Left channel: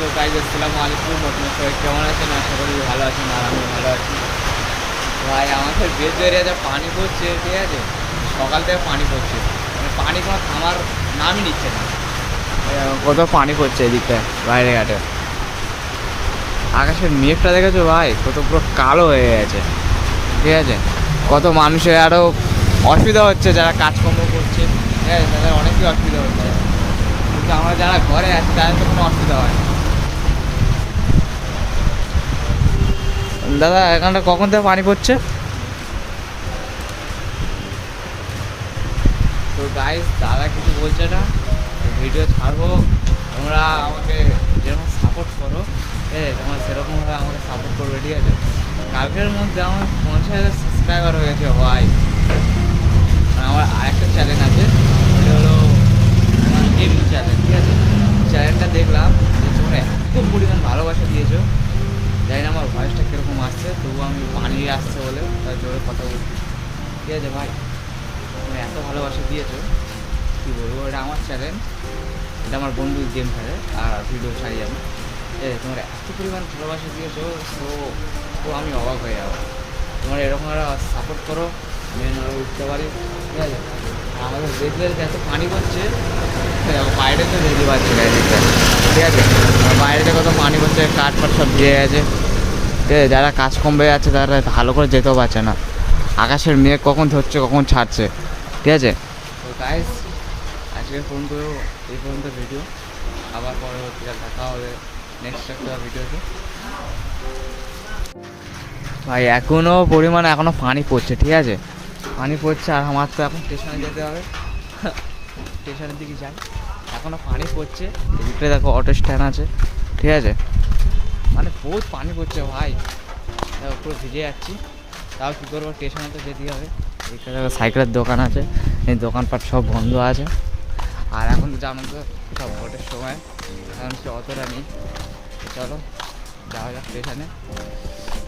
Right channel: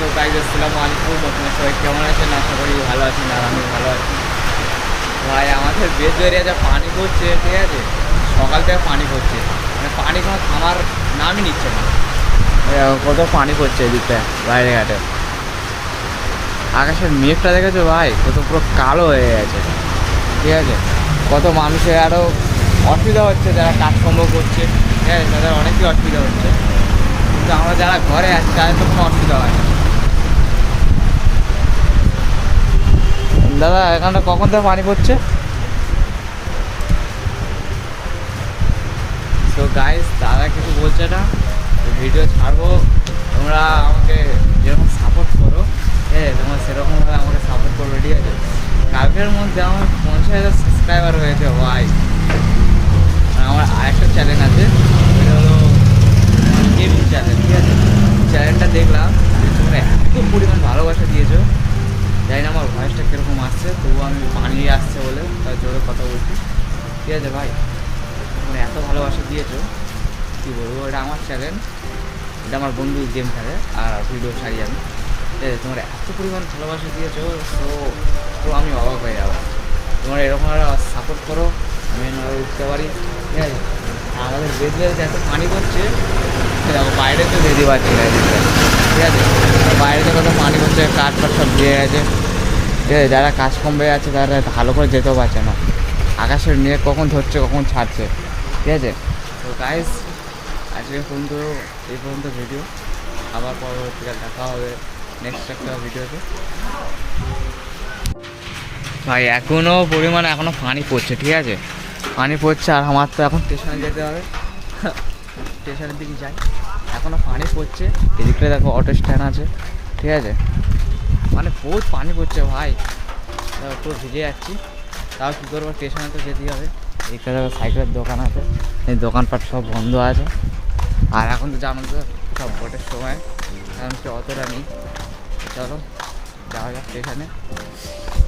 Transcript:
So guys আসসালামু আলাইকুম, আপনারা সবাই কেমন আছেন? আশা করি ভালো আছেন, আর আমি ভালো আছি। ভাই আমাদের বেজ এরিয়াতে পানি পড়ছে, ঠিক আছে, সকাল থেকে পানি পড়ছে, মানে পানি কোনো থামার নামই নিচ্ছে না। কত পানি পড়ছে এদিকটা বাইরে ঘাটে। আকাশের মেঘটা দেখেছো ভাই, কত পুরো কালো হয়ে গেছে, ঠিক আছে। কত মানুষের আরও অসুবিধা হচ্ছে, যারা কাজকর্ম করছে, ঠিক আছে, তাদের অনেকই অসুবিধা হচ্ছে, কিন্তু আমরা যারা ঘরে আছি তাদের তো কোনো অসুবিধা হয় না। দাদা এখানটা কখন থেকে পানি পড়ছে? তো গাইস দাদা কিছু বলছে না, ভিডিও ছাড়বো, তোমরা আমাকে যেরকম সাপোর্ট করো, তোমরা সেরকমভাবে আমাকে সাপোর্ট করবে, ঠিক আছে। কালকের মধ্যে আমার 50,000 সাবস্ক্রাইবার হয়েছে ভাই। আমার আরেকটা চ্যানেল আছে, ওইটা হলো আমার গেমিং চ্যানেল, ঠিক আছে। চ্যানেলটা দেখলাম যে তোমরা এত পরিমাণ ভালোবাসা দিয়েছো, জানি না আমার ভয়েসটা কীরকম আসছে, তবুও আমি পানি আসছে বলে তার জোরে কথা বলছি, ঠিক আছে ভাই। তোমরা এত ভালোবাসা দিয়েছো, কী বলবো, এটা আমার চ্যানেল, এটা আমার বন্ধু গেম খেলে আর ভিডিও ছাড়ি আমি, ঠিক আছে। তোমরা এত পরিমাণ ভালোবাসা দিয়েছো, তো তো আমি অবাক হয়ে যাবো। তোমরা এরকম সাপোর্ট করো, আমি যেন আরও উঠতে পারি, ঠিক আছে। আর আমাদের বেজবেলতে এত পানি পড়ছে, দেখো বাইরে তো যেতে পারছি না এদিকটা, ঠিক আছে। আর বাইরেতে কত পানি পড়ছে, কাঠ ফাট সব ভিজে গেছে, ঠিক আছে। যারা কাজ কমবে যাচ্ছে তারা ভালো করে যেতেও পারছে না, আকাশের মেঘ কখন ধরছে কখন ছাড়ছে, ঠিক আছে। তো গাইস আজকে পর্যন্ত এই পর্যন্ত ভিডিও, আবার পরবর্তীকাল দেখা হবে নেক্সট একটা ভিডিওতে। ভাই এখনও পরিমাণে এখনও পানি পড়ছে, ঠিক আছে, পানি পড়ছে। আর আমার তো এখন স্টেশনে যেতে হবে, স্টেশনের দিকে যাই, এখনও পানি পড়ছে। এদিকটা দেখো অটো স্ট্যান্ড আছে, ঠিক আছে, মানে বহুত পানি পড়ছে ভাই, দেখো পুরো ভিজে যাচ্ছি। তাও কী করবো, স্টেশনে তো যেতেই হবে। এখানে সাইকেলের দোকান আছে, এই দোকানপাট সব বন্ধ আছে। আর এখন তো জানো তো সব ভোটের সময়, এখন কি অতটা নেই। চলো যাওয়া যাক স্টেশনে।